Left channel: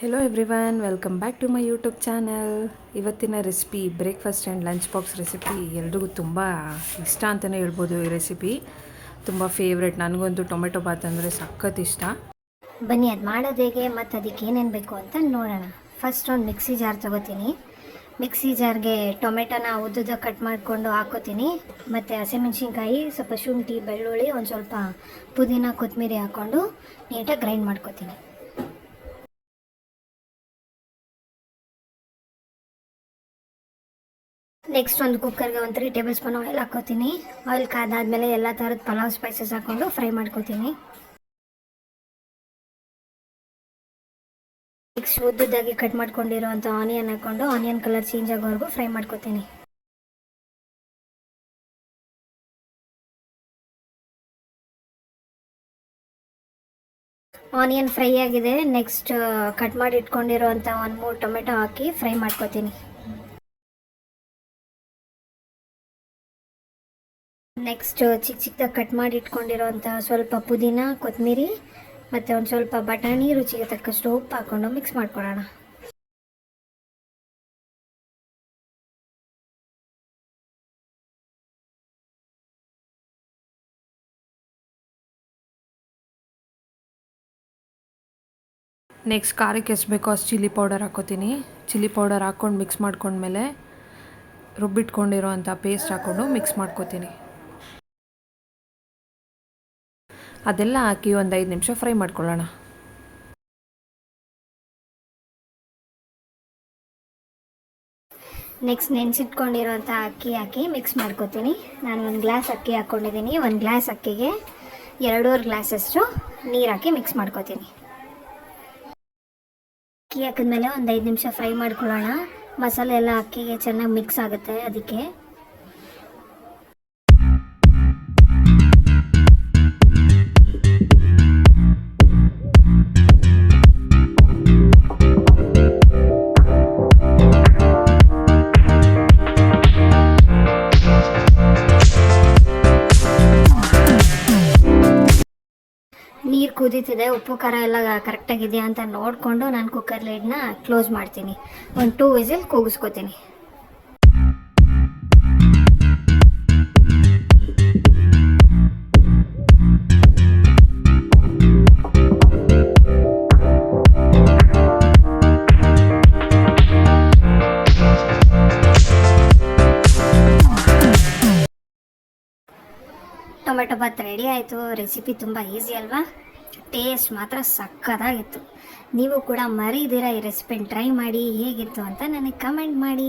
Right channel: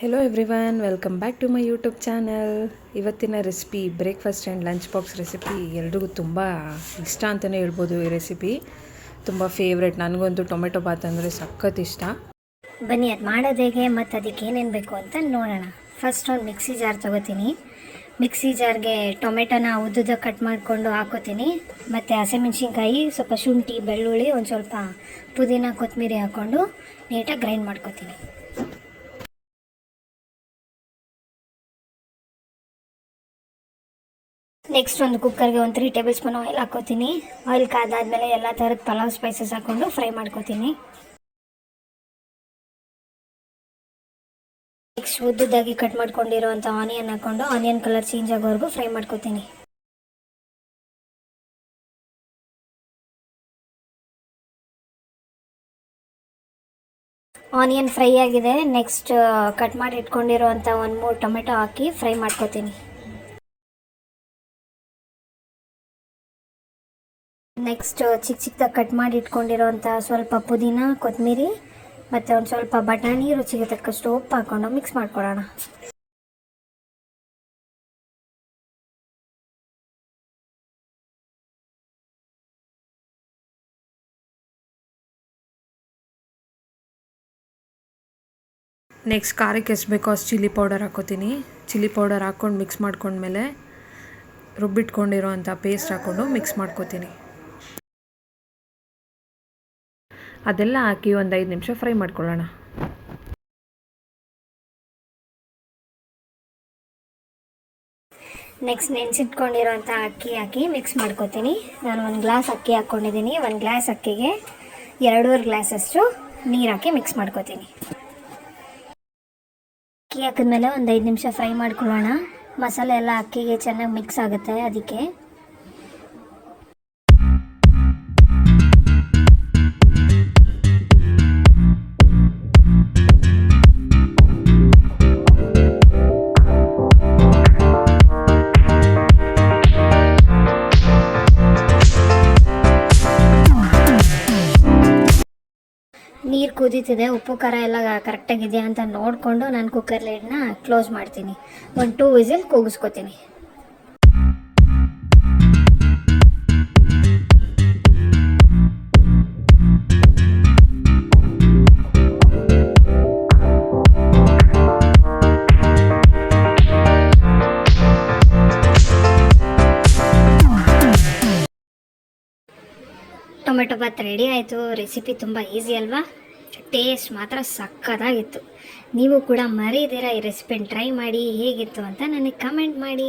Hello everyone, welcome back to my YouTube channel. ಇವತ್ತಿನ recipe breakfast and lunch box recipe. ಎಲ್ರಿಗೂ ತುಂಬ ಇಷ್ಟ ಅಂತಲೇ ಹೇಳ್ಬೋದು. ಈ ರೆಸಿಪಿ ತುಂಬ ಫೇವ್ರೆಟ್. ನನಗಂತೂ ಟೊಮೆಟೊ ಬಾತ್ ಅಂದರೆ ಸಖತ್ ಇಷ್ಟ. ಬನ್ನಿ ಅದು ಮಾಡೋದು ಹೇಗೆ ಮತ್ತು ಅದಕ್ಕೆ ಏನೇನು ಬೇಕು ಅಂತ ನೋಡೋಣ. ಫಸ್ಟ್ ಒಂದು ಮಿಕ್ಸಿ ಜಾರ್ ತೊಗೋತೀನಿ. ಮಿಕ್ಸಿ ಜಾರ್ಗೆ ಟೊಮೆಟೊನ ಉದ್ದುದ ಕಟ್ ಮಾಡಿಕೊಂಡು ಹಾಕೋತೀನಿ. ಮತ್ತು ಹಸಿಮೆಣ್ಸಿನ್ಕಾಯಿ, ಸ್ವಲ್ಪ ಶುಂಠಿ, ಬೆಳ್ಳುಳ್ಳಿ, ಒಂದು ಸ್ವಲ್ಪ ಪುದೀನ, ಕೊತ್ತಂಬರಿ ಹಾಕ್ಕೊಂಡು ನೀಟಾಗಿ ಗ್ರೈಂಡ್ ಮಾಡ್ಕೋತೀನಿ. ನೆಕ್ಸ್ಟ್ ಒಂದು ಕುಕ್ಕರ್ಗೆ ಒಂದು 3 ಟೇಬಲ್ ಸ್ಪೂನ್ ಆಯಿಲ್ ಹಾಕೋತೀನಿ. ಆಯಿಲ್ ಕಾದಾದ್ಮೇಲೆ ಎಲ್ಲ ಥರದ ಪಲಾವ್ ಸ್ಪೈಸಸ್ ಹಾಕ್ಕೊಂಡು ಫ್ರೈ ಮಾಡ್ಕೋತೀನಿ. ನೆಕ್ಸ್ಟ್ ಉದ್ದುದಾಗಿ ಕಟ್ ಮಾಡ್ಕೊಂಡಿರೋಂಥ ಆನಿಯನ್ ಹಾಕ್ಕೊಂಡು ಆನಿಯನ್ ಕಲರ್ ಚೇಂಜ್ ಆಗೋವರೆಗೂ ಫ್ರೈ ಮಾಡ್ಕೋತೀನಿ. ಆನಿಯನ್ ಫ್ರೈ ಆಗಿದೆ. ನೆಕ್ಸ್ಟ್ ಕಟ್ ಮಾಡಿ ಇಟ್ಕೊಂಡಿರೋಂಥ 1-3 ಟೊಮೆಟೊ ಹಾಕಿ ಫ್ರೈ ಮಾಡ್ಕೋತೀನಿ. ನೆಕ್ಸ್ಟ್ ಚಿಕ್ಕದಾಗಿ ಕಟ್ ಮಾಡಿ ಇಟ್ಕೊಂಡಿರೋಂಥ ಸ್ವಲ್ಪ ಪುದೀನ, ಕೊತ್ತಂಬರಿ ಮತ್ತು ಒಂದು ಸ್ವಲ್ಪ ಬಟಾಣಿ, ರುಚಿಗೆ ತಕ್ಕಷ್ಟು ಉಪ್ಪು ಹಾಕ್ಕೊಂಡು ಮಿಕ್ಸ್ ಮಾಡ್ಕೊಳ್ಳೋಣ. ನೆಕ್ಸ್ಟ್ ಖಾರಕ್ಕೆ ಎಷ್ಟು ಬೇಕೋ ಅಷ್ಟು ಚಿಲ್ಲಿ ಪೌಡರ್ ಹಾಕೋತೀನಿ. ಚಿಲ್ಲಿ ಪೌಡರ್ ಹಾಕ್ಕೊಂಡು ಮಿಕ್ಸ್ ಮಾಡ್ಕೊಂಡ್ಮೇಲೆ ರುಬ್ಬಿಟ್ಕೊಂಡಿರೋ ಅಂಥ ಪೇಸ್ಟ್ ಹಾಕ್ಕೊಂಡು ಮಿಕ್ಸ್ ಮಾಡ್ಕೋತೀನಿ. ಅದೆಲ್ಲ ಹಾಕಿ ಒಂದು 5 ನಿಮಿಷ ಫ್ರೈ ಮಾಡ್ಕೊಳ್ಳೋಣ. ನೆಕ್ಸ್ಟ್ ನೆನೆಸಿಟ್ಕೊಂಡಿರೋಂಥ ಅಕ್ಕಿ ಹಾಕಿ ಮಿಕ್ಸ್ ಮಾಡ್ಕೋತೀನಿ. ನಾನು 1 ಗ್ಲಾಸ್ ಅಕ್ಕಿ ಹಾಕ್ಕೊಂಡಿದ್ದೀನಿ. 1 ಗ್ಲಾಸ್ ಅಕ್ಕಿಗೆ 2.5 ಗ್ಲಾಸಷ್ಟು ನೀರು ಹಾಕಿ ಮಿಕ್ಸ್ ಮಾಡ್ಕೋತೀನಿ. ಅಕ್ಕಿ ಹಾಕಿದ್ಮೇಲೆ ಒಂದು 5 ನಿಮಿಷ ಫ್ರೈ ಮಾಡ್ಕೊಳ್ಳೋಣ. ಮಸಾಲೆ ಎಲ್ಲ ಅಕ್ಕಿಗೆ ಚೆನ್ನಾಗಿ ಮಿಕ್ಸ್ ಆಗುತ್ತೆ. ಅದಕ್ಕೆ ನೀರು ಕುದೀತಿದೆ. ಉಪ್ಪು ಖಾರ ಎಲ್ಲ ಕರೆಕ್ಟಾಗಿದೆ ಅಂತ ನೋಡಿಕೊಂಡು ನಾನು ಕುಕ್ಕರ್ ಲಿಡ್ನ ಕ್ಲೋಸ್ ಮಾಡ್ತೀನಿ. ಒಂದು 2 ವಿಸಿಲ್ ಕೂಗಿಸ್ಕೊತೀನಿ. ಟೊಮೆಟೊ ಬಾತ್ ರೆಡಿ ಆಯಿತು. ರೆಸಿಪಿ ತುಂಬ ಈಸಿ ಅಲ್ವಾ? ಟೇಸ್ಟ್ ಮಾತ್ರ ಸಕ್ಕತ್ತಾಗಿತ್ತು. ನೀವು ಕೂಡ ಮರೀದಿರ ಈ ರೆಸಿಪಿನ ಟ್ರೈ ಮಾಡಿ. ಹೇಗಿತ್ತು ಅಂತ ನನಗೆ ಕಮೆಂಟ್ ಮಾಡಿ.